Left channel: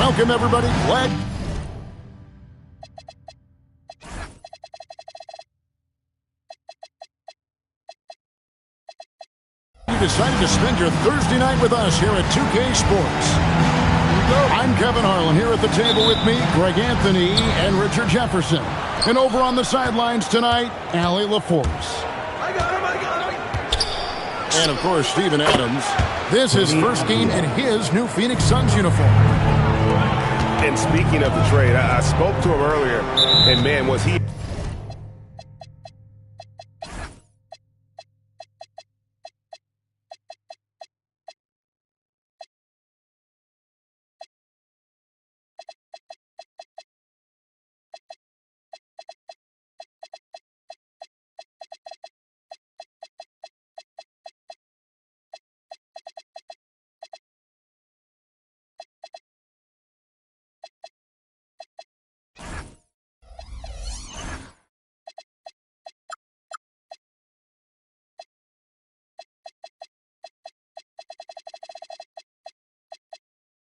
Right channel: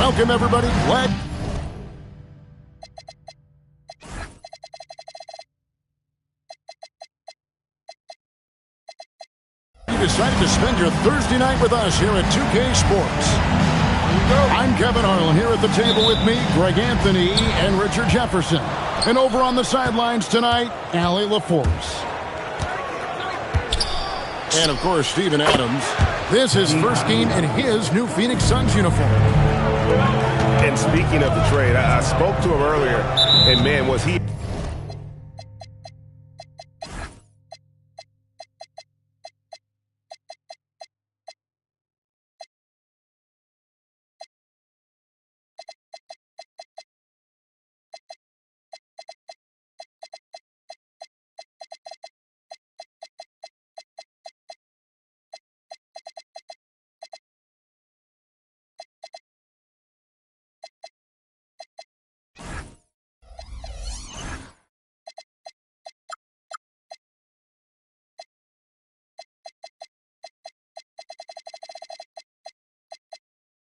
Welcome, everybody. Glad you decided to spend your Thursday night with us here at 2K Sports. I'm Kevin Harlan, here at the table with me, Greg Anthony and Richard Jefferson. And over on the sidelines tonight, Allie LaForce. And, of course, Steven Adams. This is his first game in his new Phoenix Suns uniform. And speaking of the trade, I spoke to him earlier, and, man, was he...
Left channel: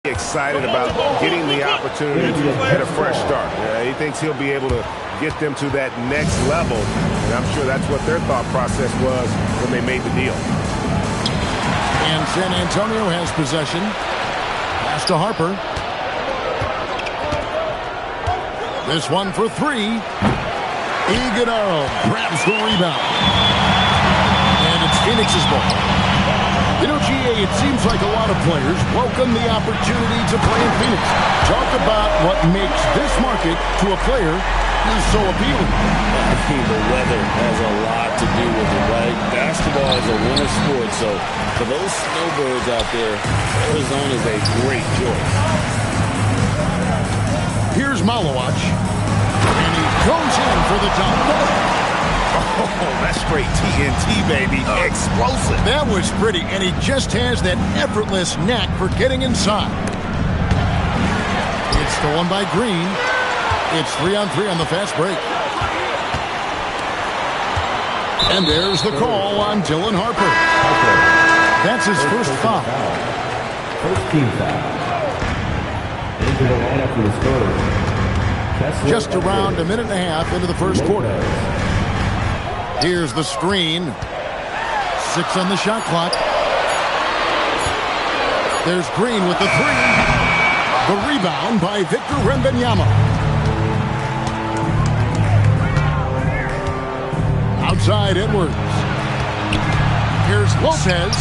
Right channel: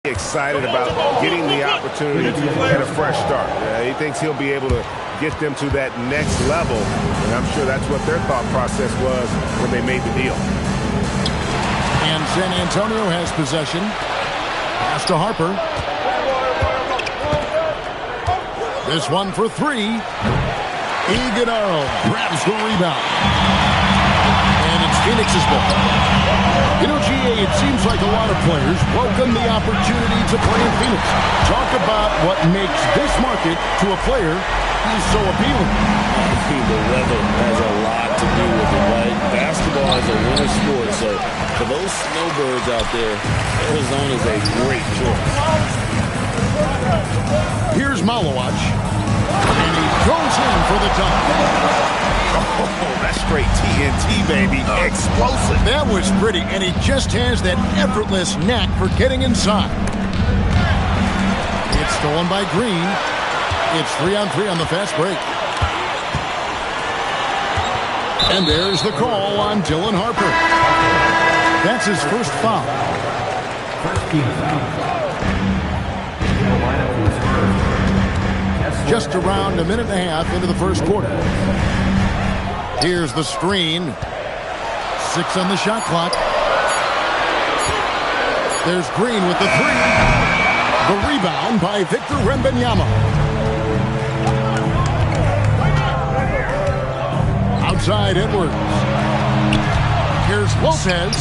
excited about getting the opportunity at a fresh start. He thinks he'll be able to get them to that next level, and I'm sure that's what their thought process was when they made the deal. And San Antonio has possession. Pass to Harper. This one for three. Iguodala grabs the rebound. And it's Phoenix's ball. You know, GA, it seems like a lot of players welcome the opportunity to play in Phoenix. Talk about what makes this market to a player is so appealing. I mean, the weather has a lot to do with it, right? Basketball is a winter sport, so for those snowbirds out there, Arizona is a great choice. Here's Malowacz, and he goes in for the dunk. Oh, that's straight TNT, baby. Explosive. That was pretty, and he just has that effortless knack for getting inside. It's stolen by Green. It's 3-on-3 on the fast break. And there's the call on Dylan Harper. That's his first foul. First team foul. In the lineup for the Spurs. Just around a minute and a half into the first quarter. Here's the screen. 6 on the shot clock. There's Green with the three. The rebound by Victor Wembanyama. Outside Edwards. Here's Lopez.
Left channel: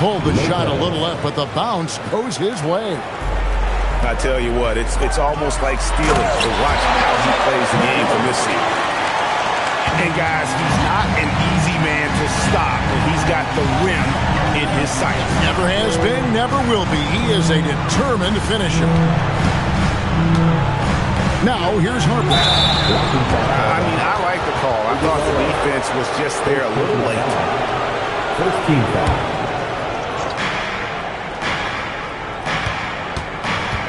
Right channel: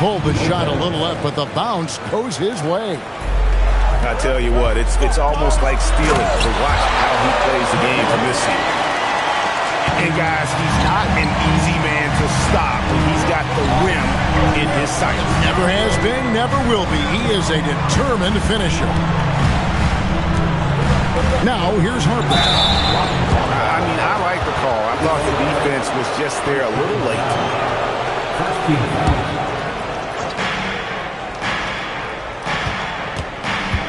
Pulled the shot a little left, but the bounce goes his way. I tell you what, it's almost like stealing to watch how he plays the game from this seat. And, guys, he's not an easy man to stop when he's got the rim in his sights. Never has been, never will be. He is a determined finisher. Now, here's Harper. I mean, I like the call. I thought the defense was just there a little late. First team foul.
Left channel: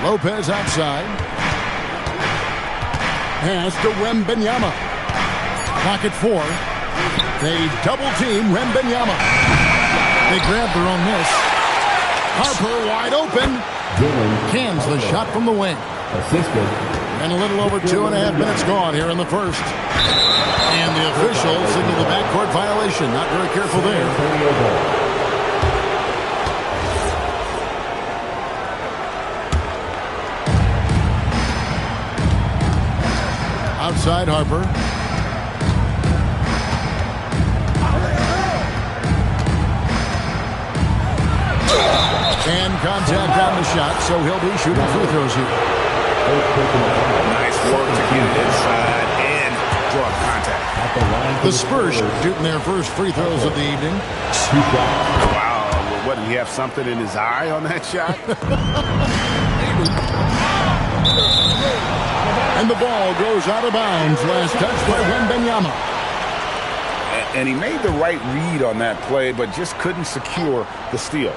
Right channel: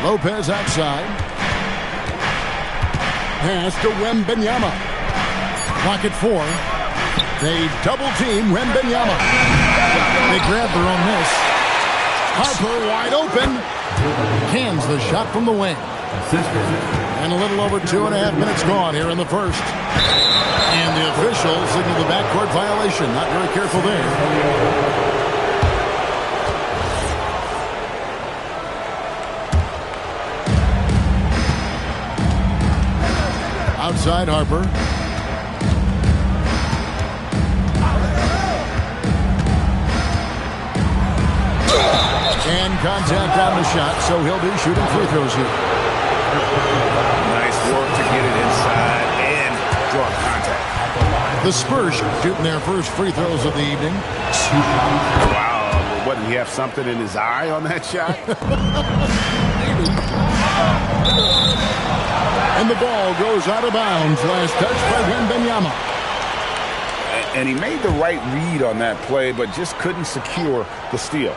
Lopez outside. Pass to Wembanyama. Clock at 4. They double-team Wembanyama. They grab their own miss. Harper wide open. Cans the shot from the wing. Assisted. And a little over 2.5 minutes gone here in the first. And the officials signal the backcourt violation. Not very careful there. Outside Harper. And contact on the shot, so he'll be shooting free throws here. Nice work to get it inside and draw contact. The Spurs shooting their first free throws of the evening. Wow, what, did he have something in his eye on that shot? Maybe. And the ball goes out of bounds. Last touch by Wembanyama. And he made the right read on that play, but just couldn't secure the steal.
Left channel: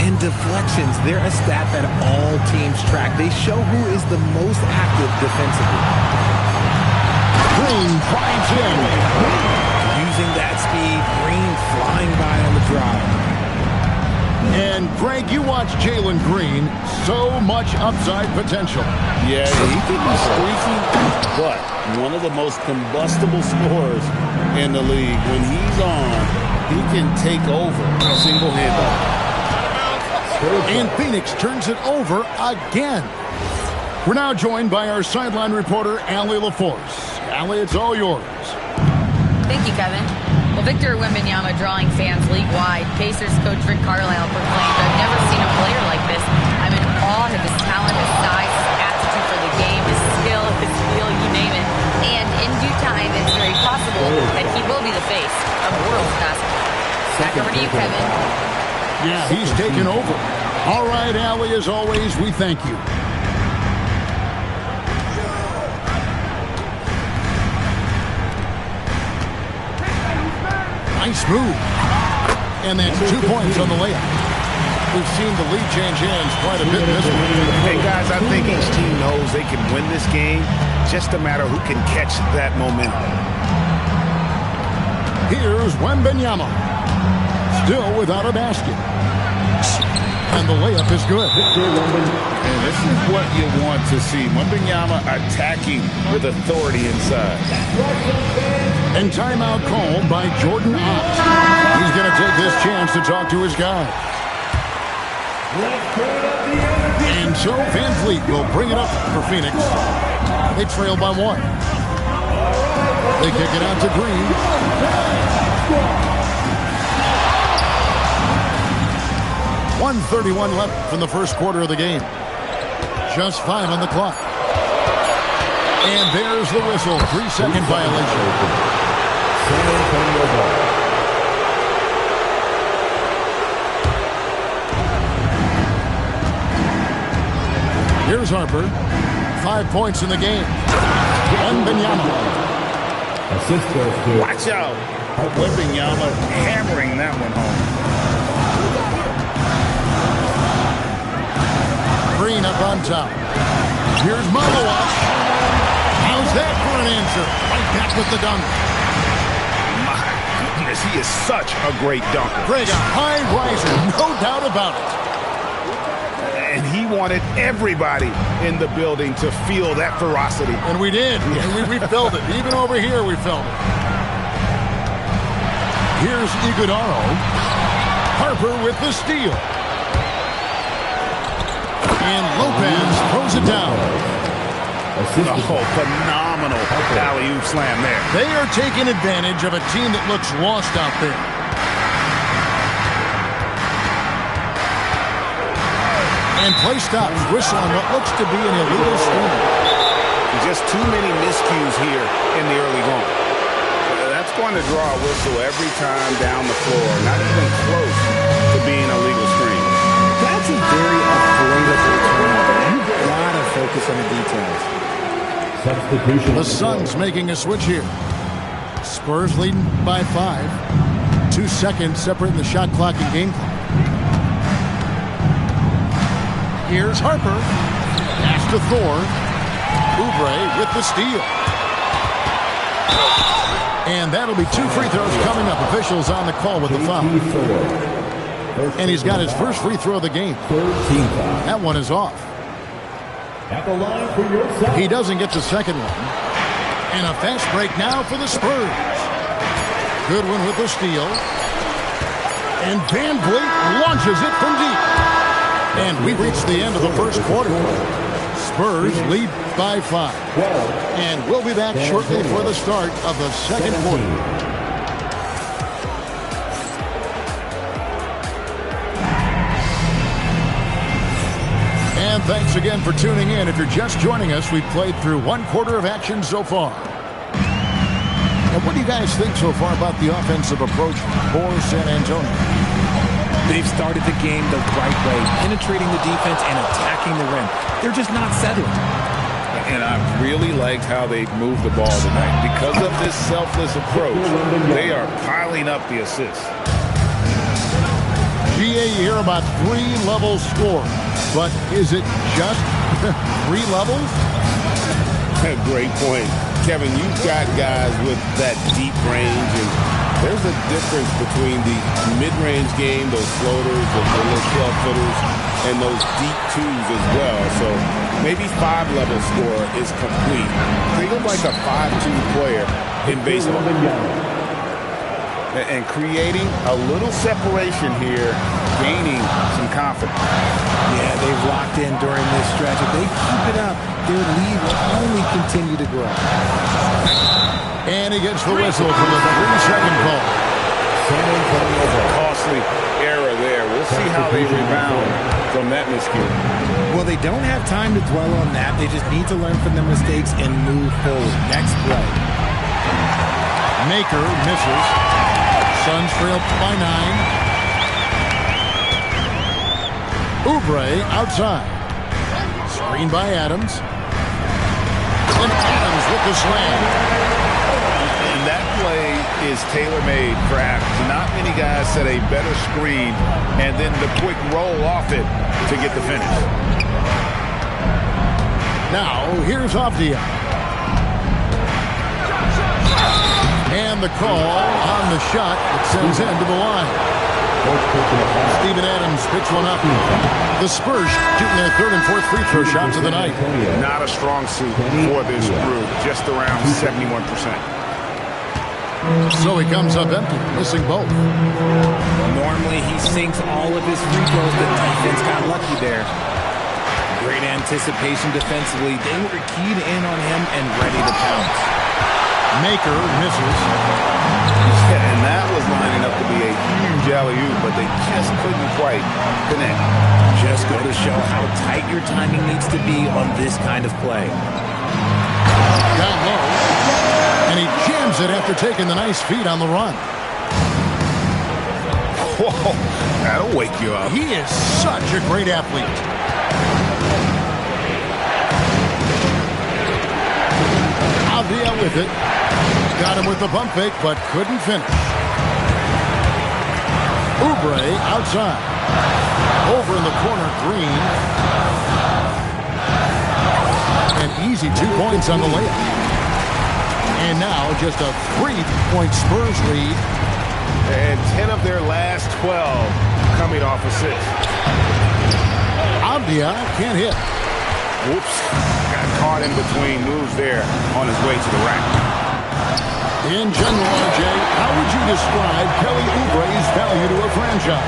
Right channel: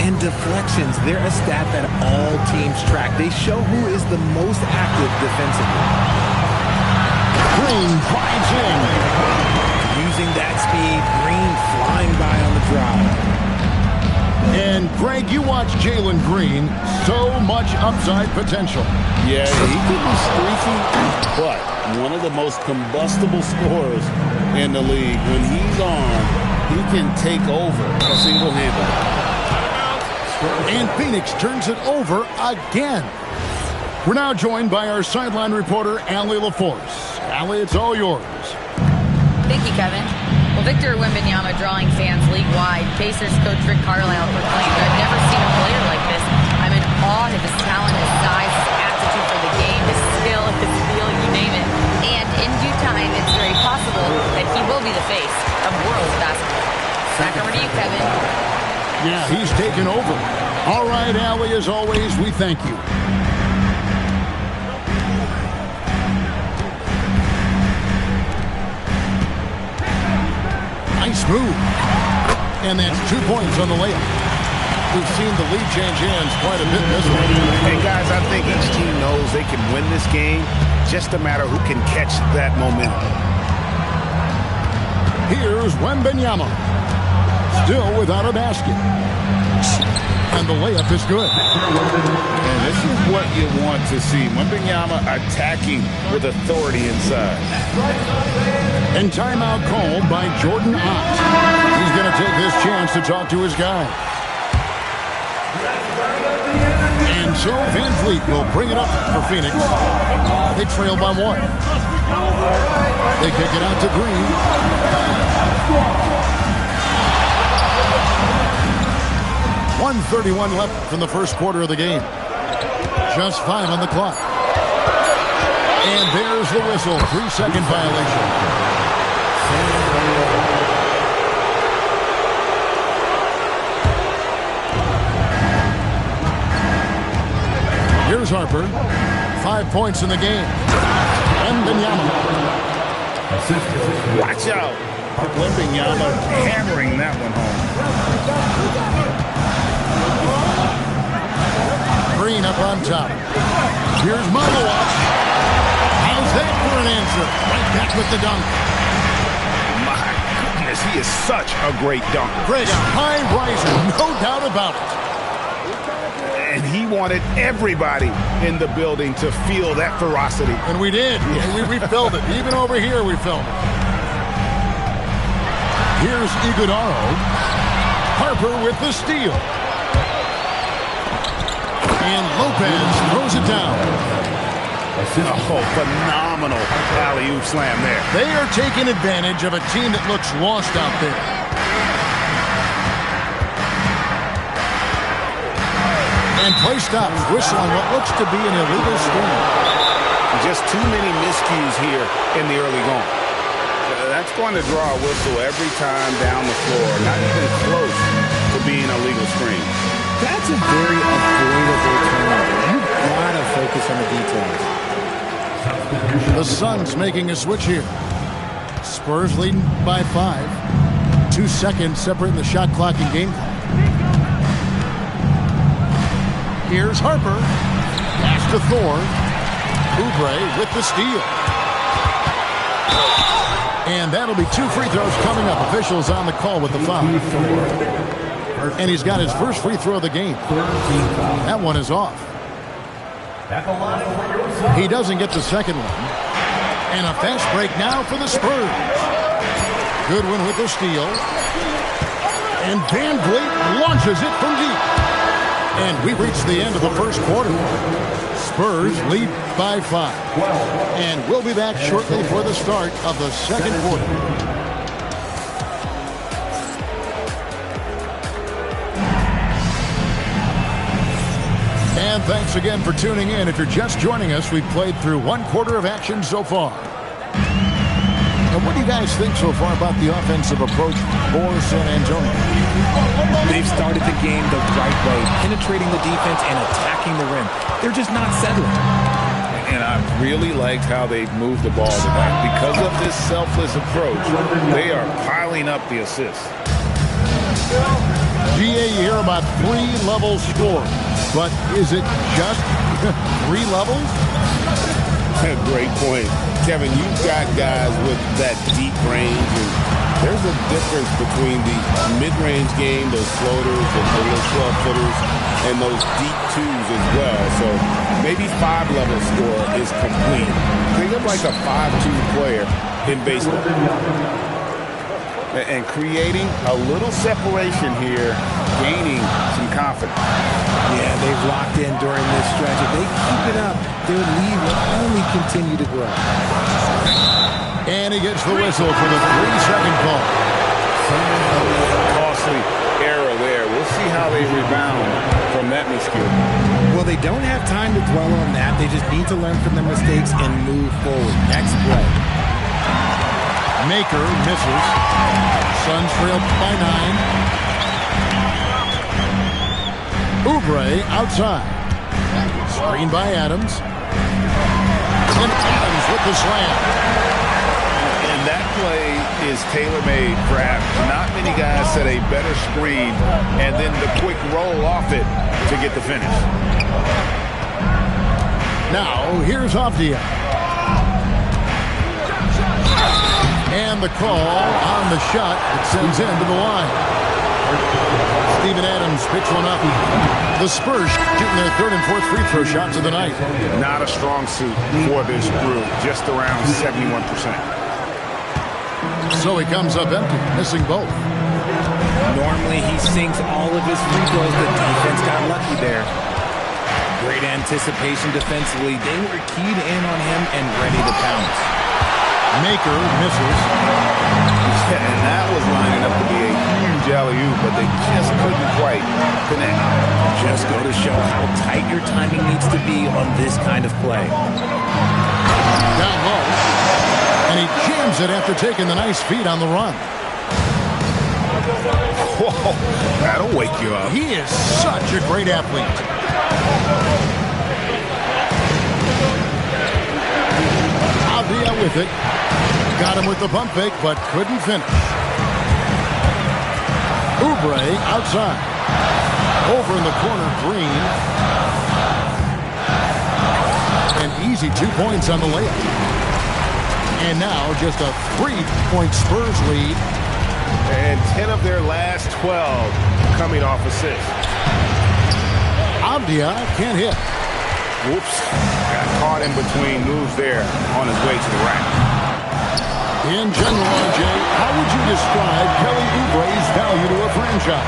And deflections, they're a stat that all teams track. They show who is the most active defensively. Green drives in. Using that speed, Green flying by on the drive. And, Greg, you watch Jalen Green. So much upside potential. Yeah, he could be streaky, but one of the most combustible scorers in the league. When he's on, he can take over single-handedly. And Phoenix turns it over again. We're now joined by our sideline reporter, Allie LaForce. Allie, it's all yours. Thank you, Kevin. Well, Victor Wembanyama drawing fans league-wide. Pacers coach Rick Carlisle proclaimed, "I've never seen a player like this. I'm in awe of his talent, his size, his aptitude for the game, his skill, his feel, you name it. And in due time, it's very possible that he will be the face of world basketball." Back over to you, Kevin. Yeah, he's taken over. All right, Allie, as always, we thank you. Nice move. And that's 2 points on the layup. We've seen the lead change hands quite a bit in this one. And guys, I think each team knows they can win this game. Just a matter who can catch that momentum. Here's Wembanyama. Still without a basket. And the layup is good. And this is what you want to see. Wembanyama attacking with authority inside. And timeout called by Jordan Ott. He's going to take this chance to talk to his guys. And so Van Vliet will bring it up for Phoenix. They trail by 1. They kick it out to Green. .131 left in the first quarter of the game. Just 5 on the clock. And there's the whistle. 3-second violation. Here's Harper. 5 points in the game. Wembanyama. Watch out. Wembanyama hammering that one home. Green up on top. Here's Malawach. How's that for an answer? Right back with the dunk. My goodness, he is such a great dunker. Greg, a high riser, no doubt about it. And he wanted everybody in the building to feel that ferocity. And we did. Yeah. We felt it. Even over here, we felt it. Here's Iguodala. Harper with the steal. And Lopez throws it down. Oh, phenomenal alley-oop slam there. They are taking advantage of a team that looks lost out there. And play stops. Whistle on what looks to be an illegal screen. Just too many miscues here in the early going. That's going to draw a whistle every time down the floor. Not even close to being a legal screen. That's a very avoidable turnover. You've got to focus on the details. The Suns making a switch here. Spurs leading by 5. 2 seconds separating the shot clock and game clock. Here's Harper. Pass to Thor. Oubre with the steal. And that'll be 2 free throws coming up. Officials on the call with the foul. And he's got his first free throw of the game. That one is off. He doesn't get the second one. And a fast break now for the Spurs. Goodwin with the steal. And Van Vliet launches it from deep. And we reach the end of the first quarter. Spurs lead by 5. And we'll be back shortly for the start of the second quarter. And thanks again for tuning in. If you're just joining us, we've played through 1 quarter of action so far. And what do you guys think so far about the offensive approach for San Antonio? They've started the game the right way, penetrating the defense and attacking the rim. They're just not settling. And I really liked how they moved the ball tonight. Because of this selfless approach, they are piling up the assists. GA, you hear about 3-level score. But is it just 3 levels? Great point. Kevin, you've got guys with that deep range and There's a difference between the mid-range game, those floaters, the little 12-footers, and those deep twos as well. So maybe 5-level score is complete. Think of like a 5-2 player in baseball. And creating a little separation here, gaining some confidence. Yeah, they've locked in during this stretch. If they keep it up, their lead will only continue to grow. And he gets the whistle for the 3-second call. Costly error there. We'll see how they rebound from that miscue. Well, they don't have time to dwell on that. They just need to learn from their mistakes and move forward. Next play. Maker misses. Suns trail by 9. Oubre outside. Screen by Adams. And Adams with the slam. And that play is tailor-made for Adams. Not many guys set a better screen and then the quick roll off it to get the finish. Now, here's Avdia. And the call on the shot that sends him to the line. Steven Adams picks one up. The Spurs shooting their 3rd and 4th free throw shots of the night. Not a strong suit for this group, just around 71%. So he comes up empty, missing both. Normally he sinks all of his free throws. The defense got lucky there. Great anticipation defensively. They were keyed in on him and ready to pounce. Maker misses. Yeah, and that was lining up to be a huge alley-oop, but they just couldn't quite connect. Just go to show how tight your timing needs to be on this kind of play. Down low. And he jams it after taking the nice feed on the run. Whoa, that'll wake you up. He is such a great athlete. Avdia with it. Got him with the pump fake, but couldn't finish. Oubre outside. Over in the corner, Green. An easy 2 points on the layup. And now just a 3-point Spurs lead. And 10 of their last 12 coming off assists. Avdia can't hit. Whoops. Got caught in between moves there on his way to the rack. In general, RJ, how would you describe Kelly Oubre's value to a franchise?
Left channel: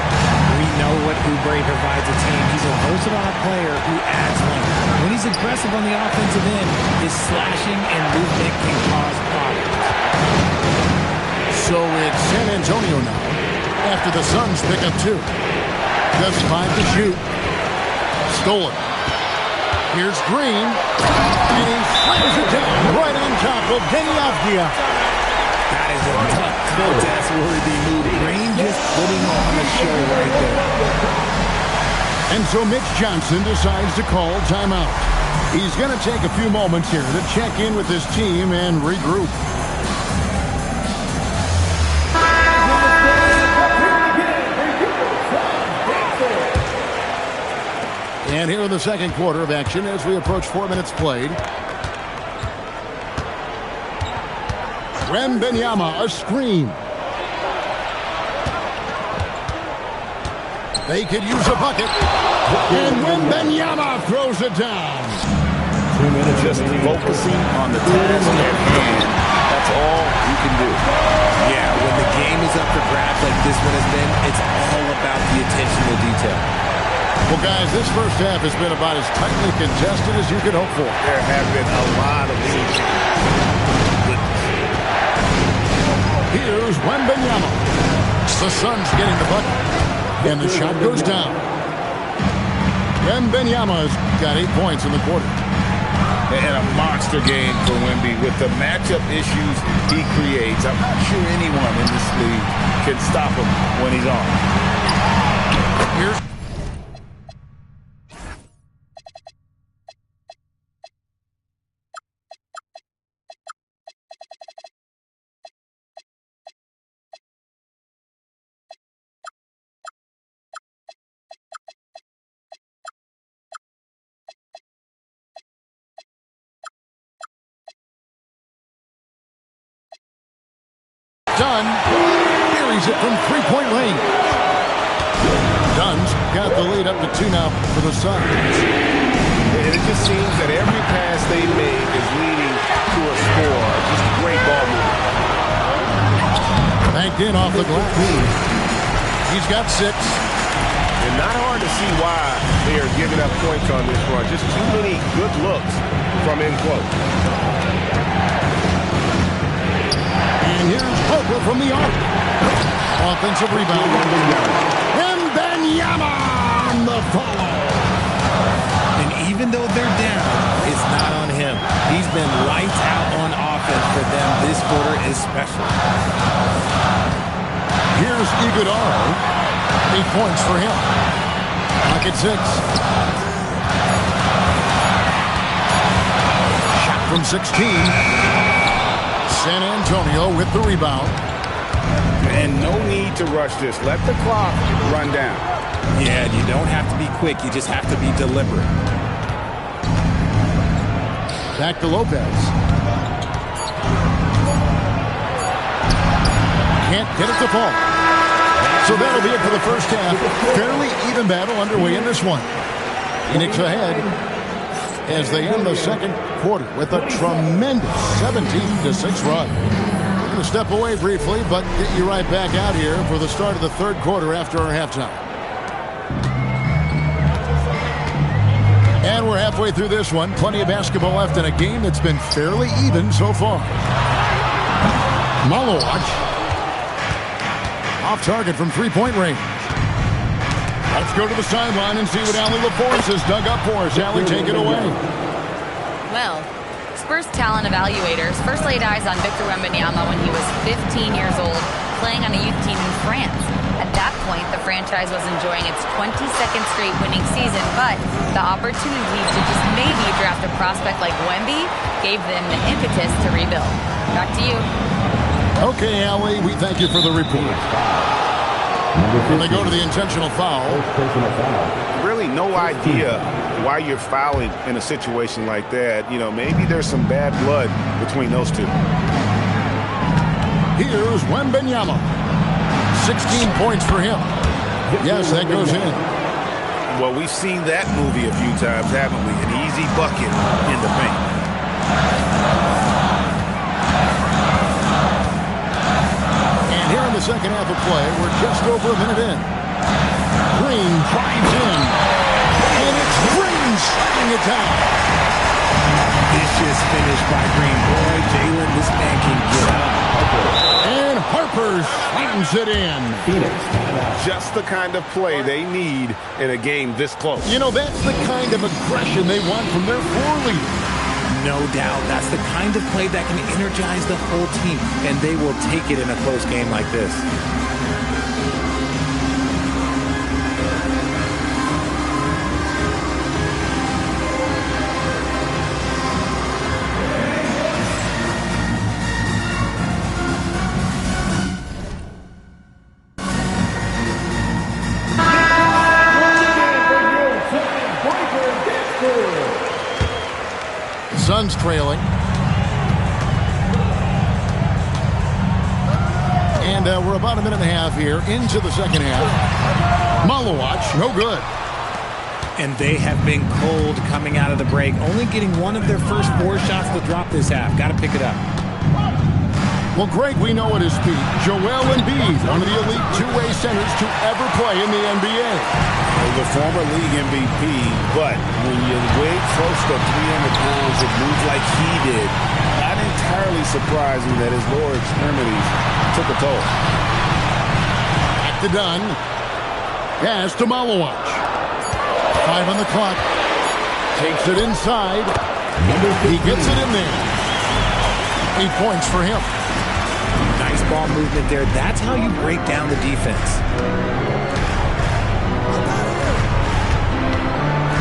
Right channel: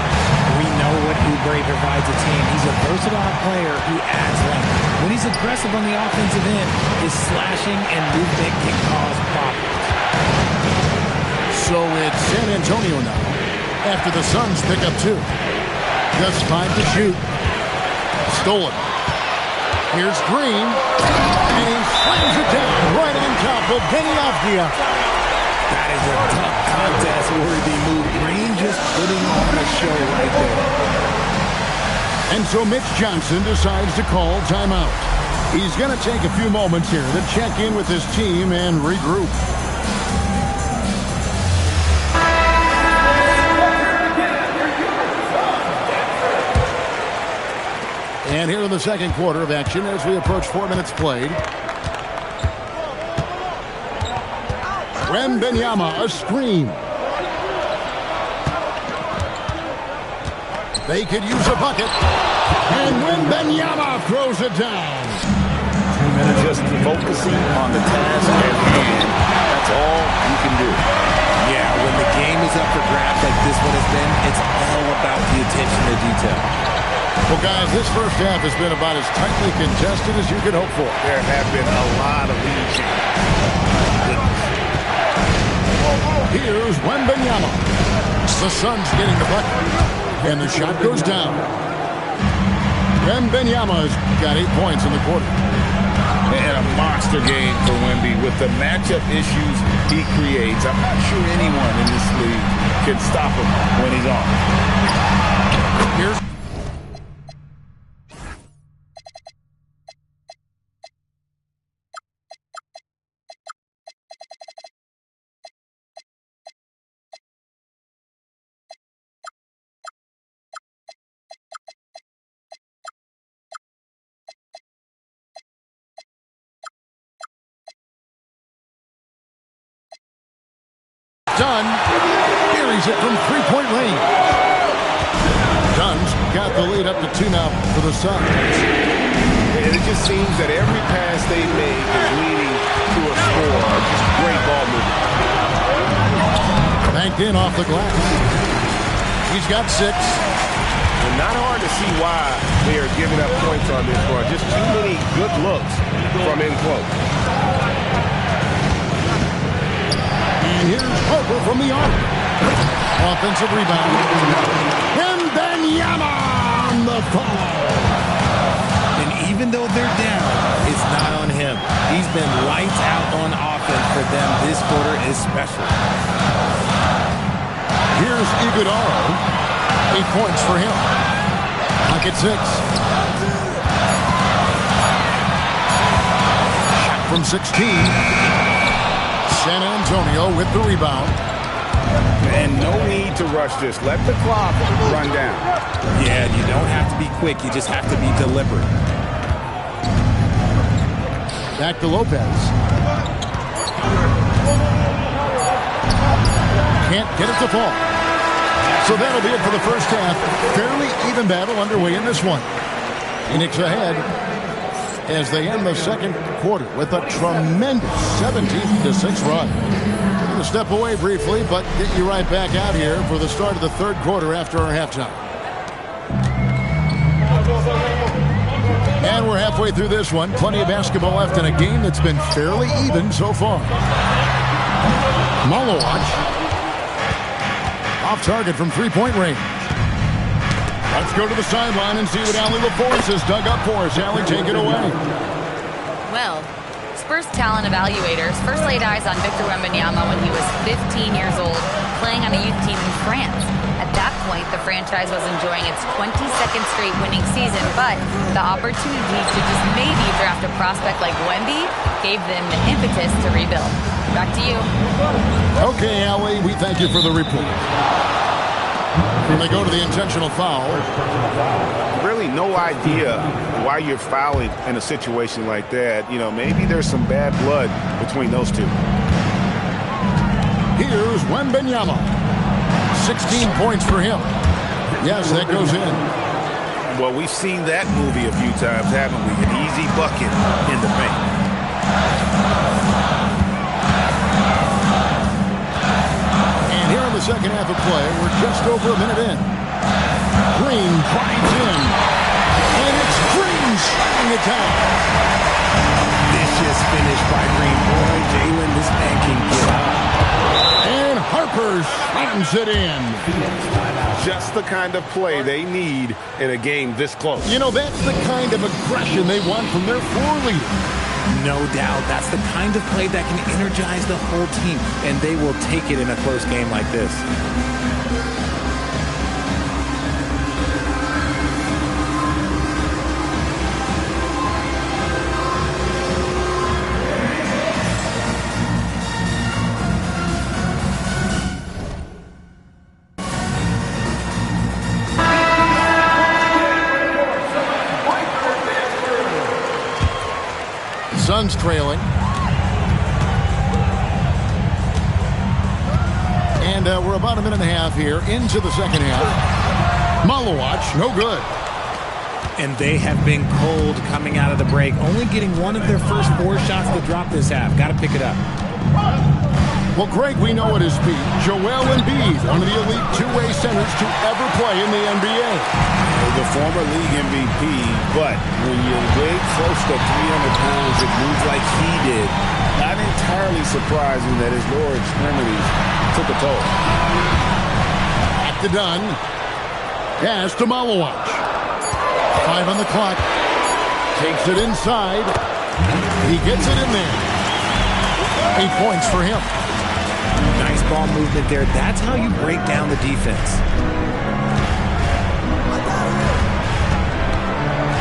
We know what Oubre provides a team. He's a versatile player who adds length. When he's aggressive on the offensive end, his slashing and movement can cause problems. So it's San Antonio now, after the Suns pick up 2. Just 5 to shoot. Stolen. Here's Green, and he slams it down right on top of Deni Avdia. That is a tough contest-worthy move. Green just putting on a show right there. And so Mitch Johnson decides to call timeout. He's going to take a few moments here to check in with his team and regroup. And here in the second quarter of action as we approach 4 minutes played. Wembanyama, a screen. They could use a bucket. And Wembanyama throws it down. 2 minutes. Just focusing on the task at hand. That's all you can do. Yeah, when the game is up for grabs like this one has been, it's all about the attention to detail. Well, guys, this first half has been about as tightly contested as you could hope for. There have been a lot of lead changes. Here's Wembanyama. The Suns getting the bucket. And the shot goes down. Wembanyama's got 8 points in the quarter. And a monster game for Wemby with the matchup issues he creates. I'm not sure anyone in this league can stop him when he's on. Here's done. buries it from three-point range. Dunn's got the lead up to 2 now for the Suns. And it just seems that every pass they make is leading to a score. Just great ball movement. Banked in off the glass. He's got 6. And not hard to see why they are giving up points on this run. Just too many good looks from in close. And here's Harper from the arc. Offensive rebound. And Wembanyama on the follow. And even though they're down, it's not on him. He's been lights out on offense for them this quarter especially. Here's Iguodala. 8 points for him. Clock at 6. Shot from 16. San Antonio with the rebound. And no need to rush this. Let the clock run down. Yeah, you don't have to be quick. You just have to be deliberate. Back to Lopez. Can't get it to fall. So that'll be it for the first half. Fairly even battle underway in this one. Phoenix ahead as they end the second quarter with a tremendous 17-6 run. We're going to step away briefly, but get you right back out here for the start of the third quarter after our halftime. And we're halfway through this one. Plenty of basketball left in a game that's been fairly even so far. Malowacz. Off target from three-point range. Let's go to the sideline and see what Allie LaForce has dug up for us. Allie, take it away. Well, Spurs talent evaluators first laid eyes on Victor Wembanyama when he was 15 years old, playing on a youth team in France. At that point, the franchise was enjoying its 22nd straight winning season, but the opportunity to just maybe draft a prospect like Wemby gave them the impetus to rebuild. Back to you. Okay, Allie, we thank you for the report. And they go to the intentional foul. Really no idea why you're fouling in a situation like that. You know, maybe there's some bad blood between those two. Here's Wembanyama. 16 points for him. Yes, that goes in. Well, we've seen that movie a few times, haven't we? An easy bucket in the paint. And here in the second half of play, we're just over a minute in. Green drives in. And it's Green shutting it down. Vicious finish by Green. Boy, Jalen, this man can get up. And Harper slams it in. Just the kind of play they need in a game this close. You know, that's the kind of aggression they want from their floor leader. No doubt. That's the kind of play that can energize the whole team, and they will take it in a close game like this. Suns trailing. And we're about a minute and a half here into the second half. Malowacz, no good. And they have been cold coming out of the break, only getting one of their first 4 shots to drop this half. Got to pick it up. Well, Greg, we know at his feet, Joel Embiid, one of the elite two-way centers to ever play in the NBA. The former league MVP, but when you weigh close to 300 pounds, it moves like he did. Not entirely surprising that his lower extremities took a toll. Back to Dunn. Pass to Malowacz. 5 on the clock. Takes it inside. He gets it in there. 8 points for him. Nice ball movement there. That's how you break down the defense.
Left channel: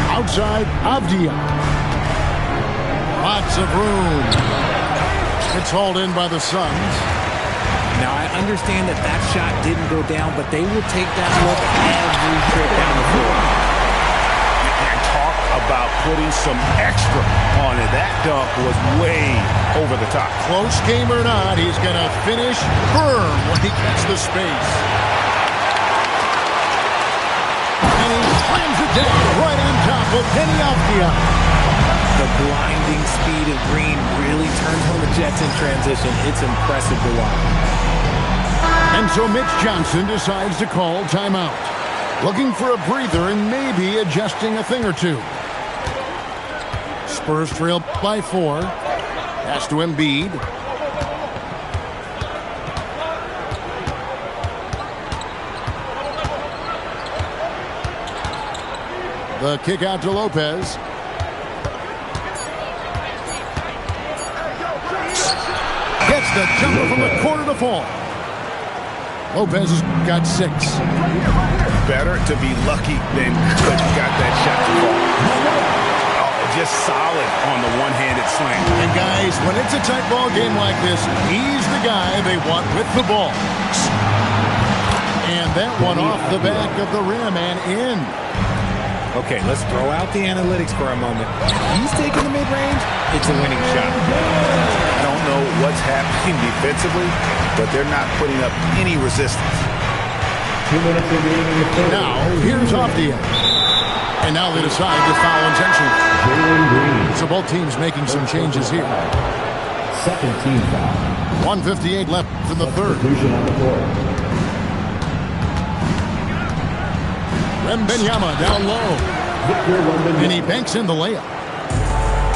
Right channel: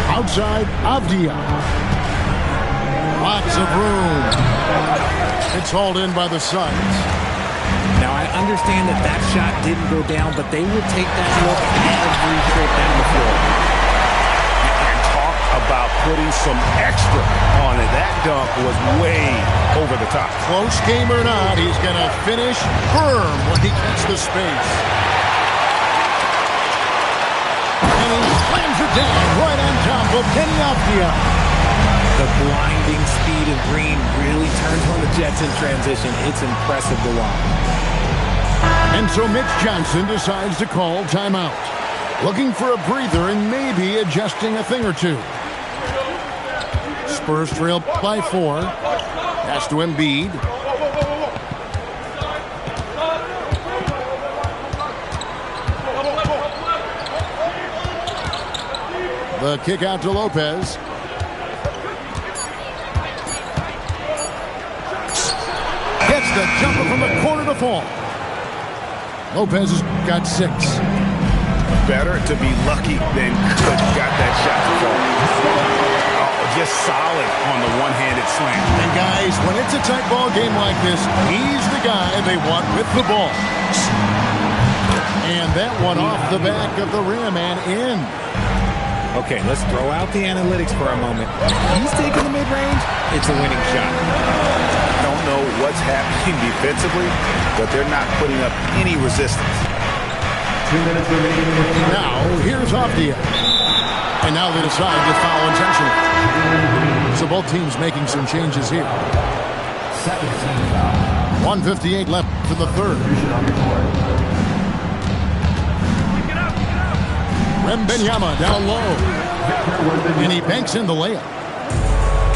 Outside, Avdia. Lots of room. It's hauled in by the Suns. Now, I understand that that shot didn't go down, but they will take that look every trip down the floor. Talk about putting some extra on it. That dunk was way over the top. Close game or not, he's going to finish firm when he gets the space. And he slams it down right on top of Kenny Avdia. The blinding speed of Green really turns on the Jets in transition. It's impressive to watch. And so Mitch Johnson decides to call timeout. Looking for a breather and maybe adjusting a thing or two. Spurs trail by 4. Pass to Embiid. The kick out to Lopez. Gets the jumper from the corner to fall. Lopez has got 6. Better to be lucky than good. Got that shot to fall. Oh, just solid on the one-handed slam. And guys, when it's a tight ball game like this, he's the guy they want with the ball. And that one off the back of the rim and in. Okay, let's throw out the analytics for a moment. If he's taking the mid-range, it's a winning shot. I don't know what's happening defensively, but they're not putting up any resistance. 2 minutes remaining. Now, here's Avdia. And now they decide to foul intentionally. So both teams making some changes here. Second team foul. 1:58 left in the third. On the court. Wembanyama down low. Victor Wembanyama. And he banks in the layup.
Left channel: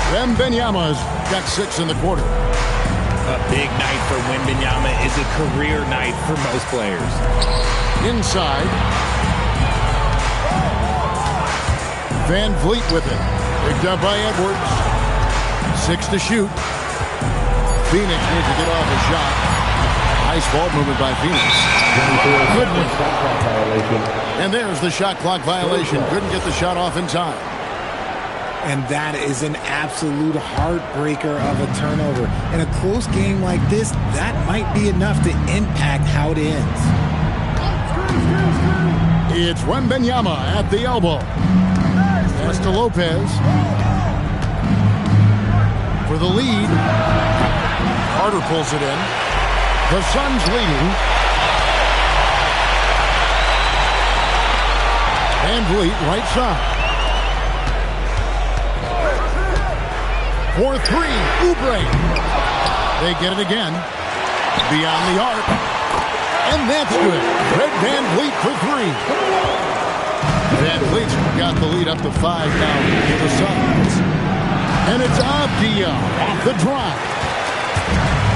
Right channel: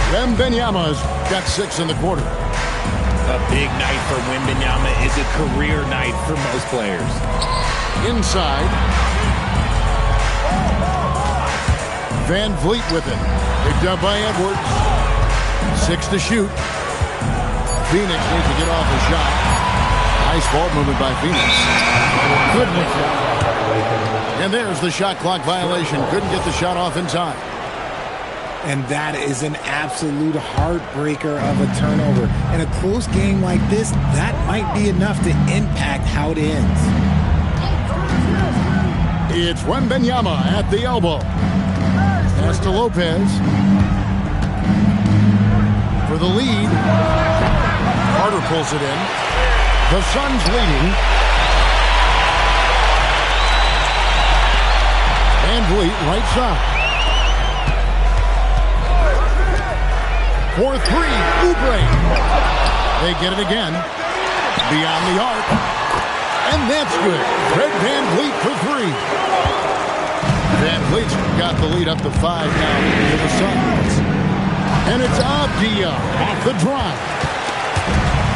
Wembanyama's got 6 in the quarter. A big night for Wembanyama is a career night for most players. Inside. Van Vliet with it. Picked up by Edwards. 6 to shoot. Phoenix needs to get off a shot. Nice ball movement by Phoenix. Good one. And there's the shot clock violation. Couldn't get the shot off in time. And that is an absolute heartbreaker of a turnover. In a close game like this, that might be enough to impact how it ends. It's Wembanyama at the elbow. Pass to Lopez. For the lead. Carter pulls it in. The Suns leading. Van Vliet, right side. For 3, Oubre. They get it again. Beyond the arc. And that's good. Fred Van Vliet for 3. Van Vliet's got the lead up to 5 now to the Suns. And it's Avdia off the drive.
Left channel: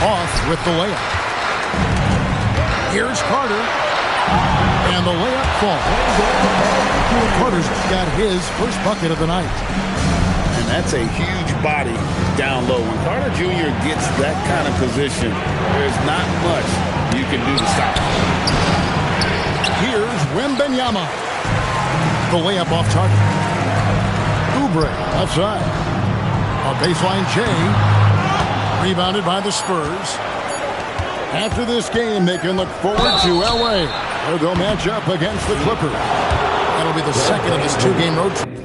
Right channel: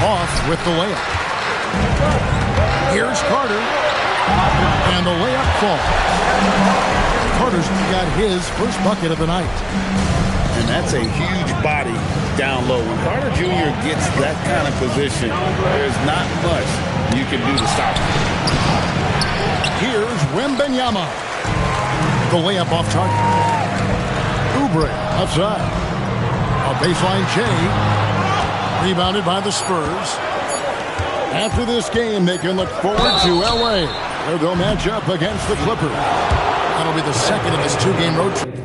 Off with the layup. Here's Carter. And the layup falls. Carter's got his first bucket of the night. And that's a huge body down low. When Carter Jr. gets that kind of position, there's not much you can do to stop him. Here's Wembanyama. The layup off target. Oubre outside. A baseline J. Rebounded by the Spurs. After this game, they can look forward to LA, where they'll match up against the Clippers. That'll be the second of this 2-game road trip.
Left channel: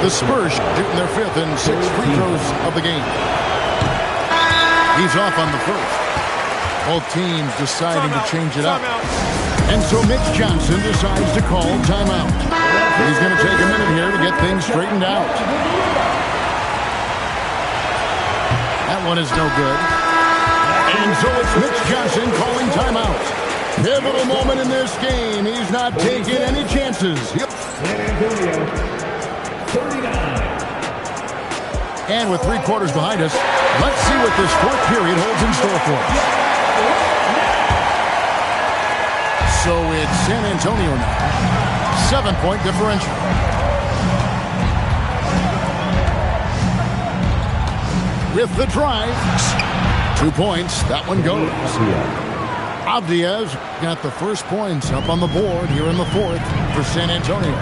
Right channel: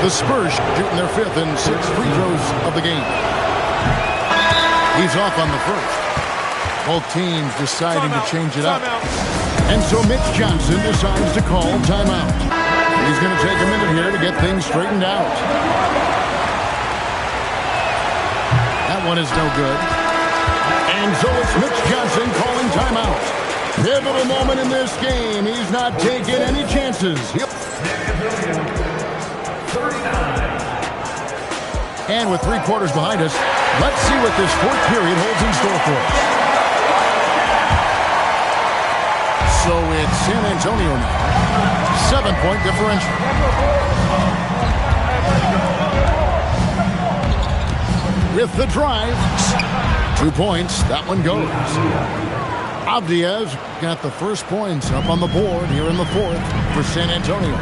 The Spurs shooting their 5th and 6th free throws of the game. He's off on the first. Both teams deciding to change it up. And so Mitch Johnson decides to call timeout. He's going to take a minute here to get things straightened out. That one is no good. And so it's Mitch Johnson calling timeout. Pivotal moment in this game. He's not taking any chances. And with 3 quarters behind us, let's see what this 4th period holds in store for us. So it's San Antonio now. 7-point differential. With the drive. 2 points. That one goes. Avdiaz got the first points up on the board here in the fourth for San Antonio.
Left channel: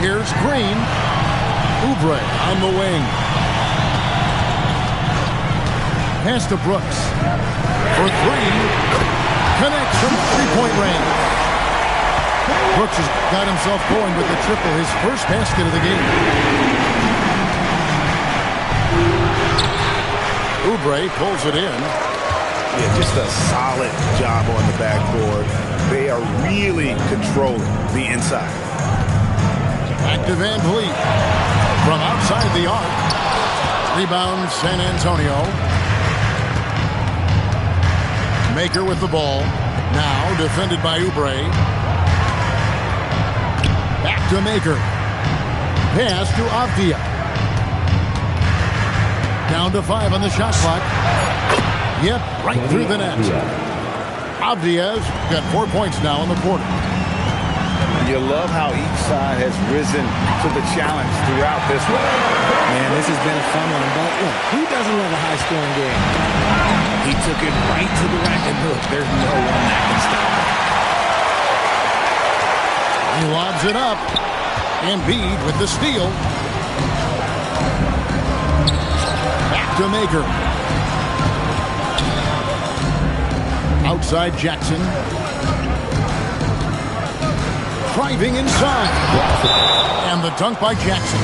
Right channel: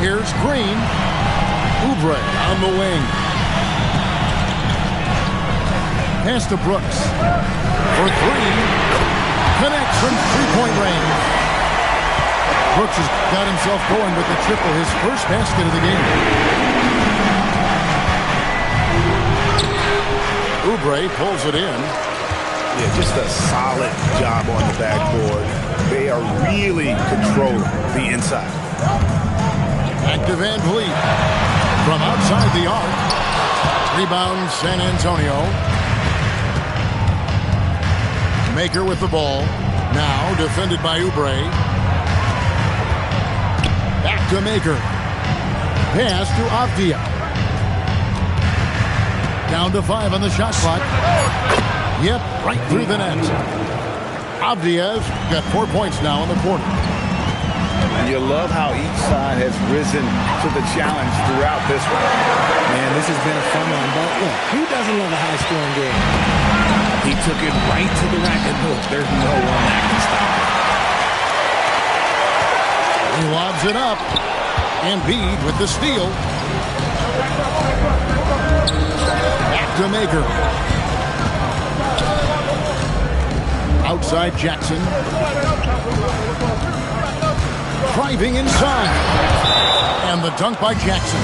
Here's Green. Oubre on the wing. Pass to Brooks. For three. Connects from three-point range. Brooks has got himself going with the triple, his first basket of the game. Oubre pulls it in. Yeah, just a solid job on the backboard. They are really controlling the inside. Back to Van Vliet. From outside the arc. Rebound San Antonio. Maker with the ball. Now defended by Oubre. Back to Maker. Pass to Avdia. Down to 5 on the shot clock. Yep, right through the net. Avdiaz got 4 points now in the quarter. You love how each side has risen to the challenge throughout this one. Man, this has been a fun one, but look, who doesn't love a high-scoring game? He took it right to the rack, and look, there's no one that can stop him. He lobs it up. Embiid with the steal. Back to Maker. Outside Jackson. Driving inside. And the dunk by Jackson.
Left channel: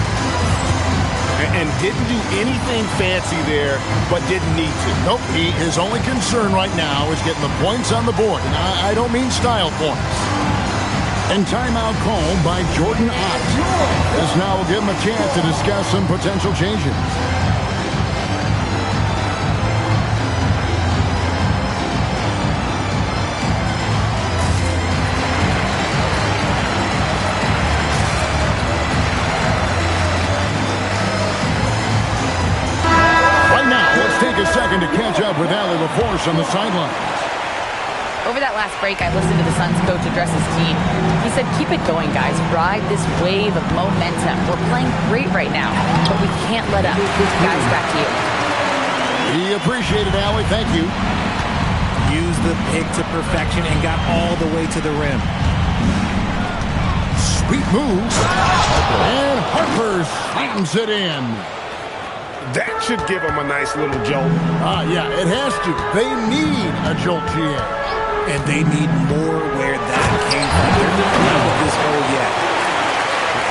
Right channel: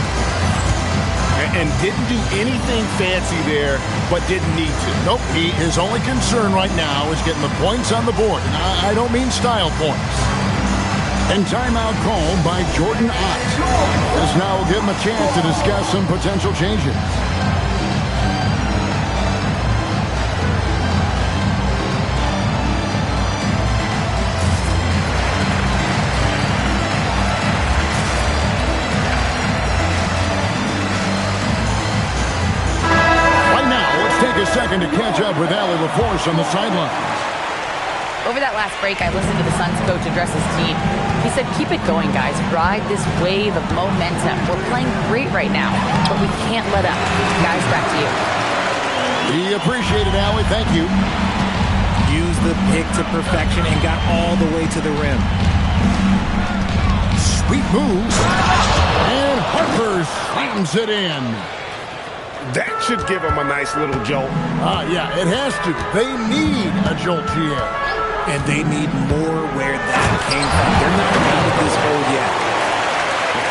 And didn't do anything fancy there, but didn't need to. Nope, his only concern right now is getting the points on the board. And I don't mean style points. And timeout called by Jordan Ott. This now will give him a chance to discuss some potential changes. Right now, let's take a second to catch up with Allie LaForce on the sidelines. Over that last break, I listened to the Suns coach address his team. He said, keep it going, guys. Ride this wave of momentum. We're playing great right now, but we can't let up. Guys, back to you. We appreciate it, Allie. Thank you. Used the pick to perfection and got all the way to the rim. Sweet move. And Harper slams it in. That should give them a nice little jolt. Yeah, it has to. They need a jolt, GA. And they need more where that came from. They're not out of this hole yet.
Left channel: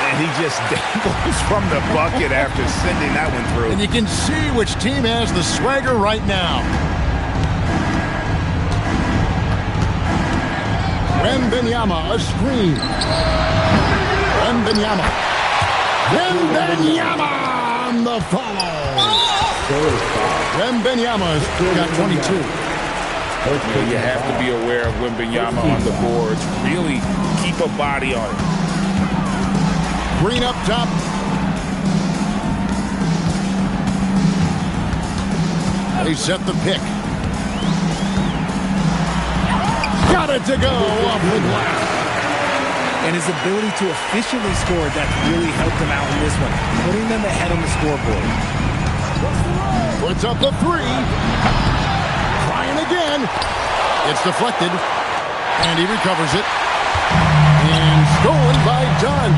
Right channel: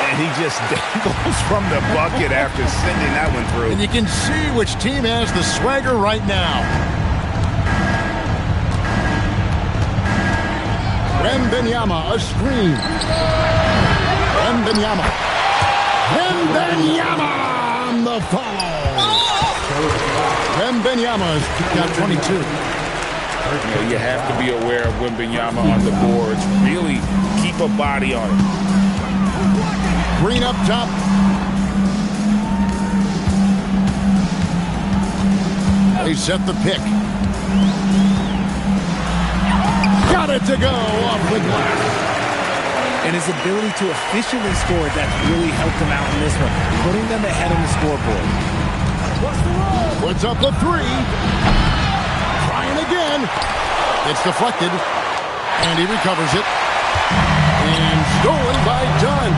And he just dangles from the bucket after sending that one through. And you can see which team has the swagger right now. Wembanyama, a screen. Wembanyama. Wembanyama on the follow. Wembanyama's got 22. You have to be aware of Wembanyama on the boards. Really keep a body on it. Green up top. They set the pick. Got it to go off the glass. And his ability to efficiently score, that's really helped him out in this one, putting them ahead on the scoreboard. Puts up the three. Trying again. It's deflected. And he recovers it. And stolen by Dunn.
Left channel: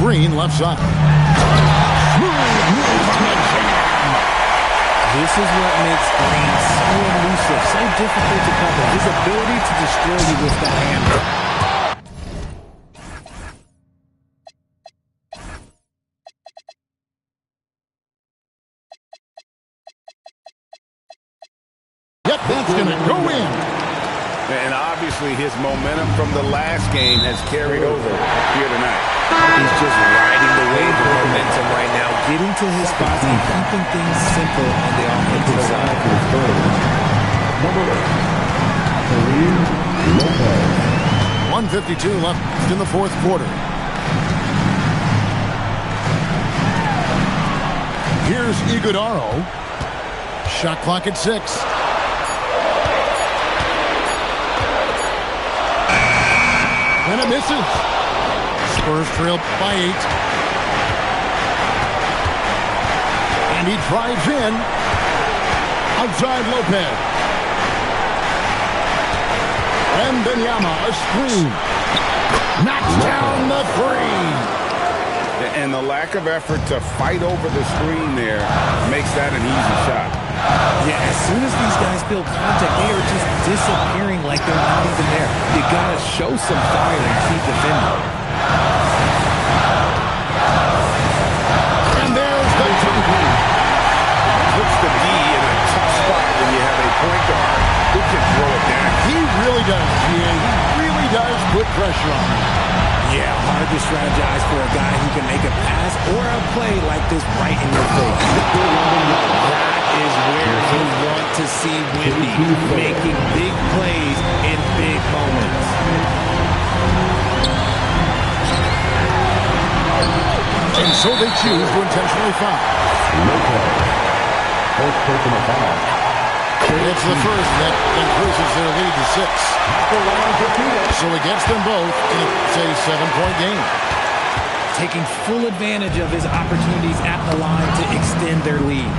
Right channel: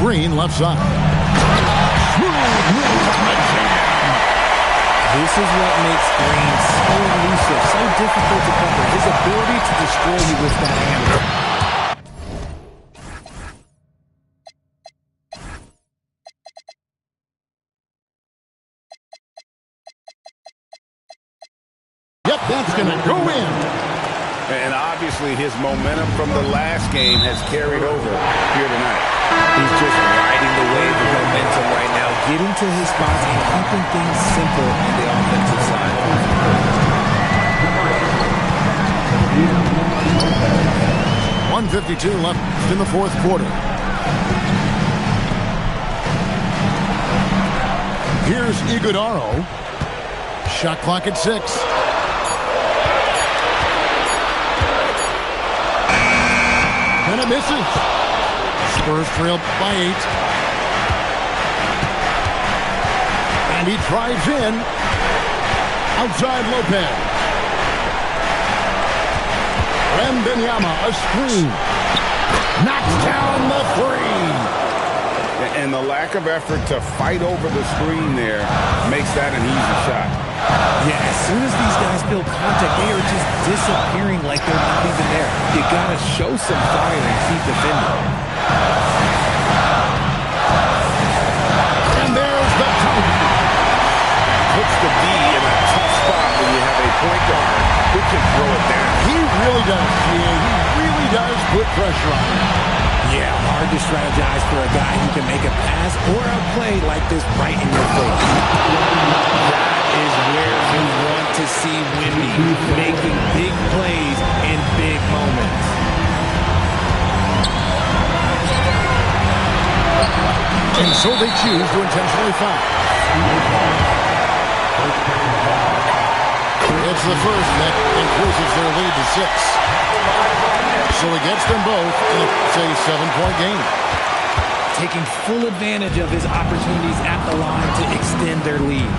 Green left side. Smooth move on the jam. This is what makes Green so elusive, so difficult to cover. His ability to destroy you with that hand. Yep, that's going to go in. And obviously his momentum from the last game has carried over here tonight. He's just riding the wave of momentum right now, getting to his spots and keeping things simple on the offensive side. Number 8, 1:52 left in the fourth quarter. Here's Iguodaro. Shot clock at 6. And it misses. Spurs trail by 8. And he drives in. Outside Lopez. Wembanyama, a screen. Knocks down the three. And the lack of effort to fight over the screen there makes that an easy shot. Yeah, as soon as these guys feel contact, they are just disappearing like they're not even there. You got to show some fire and keep defending. And there's the dunk. Puts the D in a tough spot when you have a point guard who can throw it down. He really does, GA. He really does put pressure on him. Yeah, hard to strategize for a guy who can make a pass or a play like this right in your face. That is where you want to see Wemby, making big plays in big moments. And so they choose to intentionally foul. First personal foul. It's the first that increases their lead to 6. So he gets them both in a, say, 7-point game. Taking full advantage of his opportunities at the line to extend their lead.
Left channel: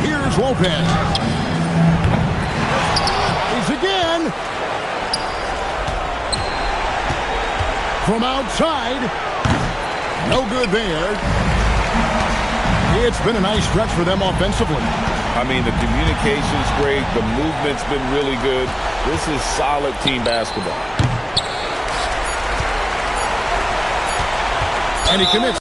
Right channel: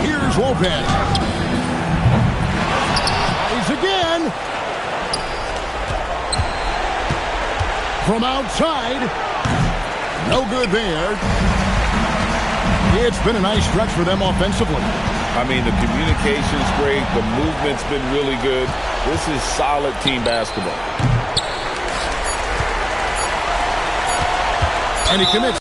Here's Lopez. He's again. From outside. No good there. It's been a nice stretch for them offensively. I mean, the communication's great. The movement's been really good. This is solid team basketball. And he commits.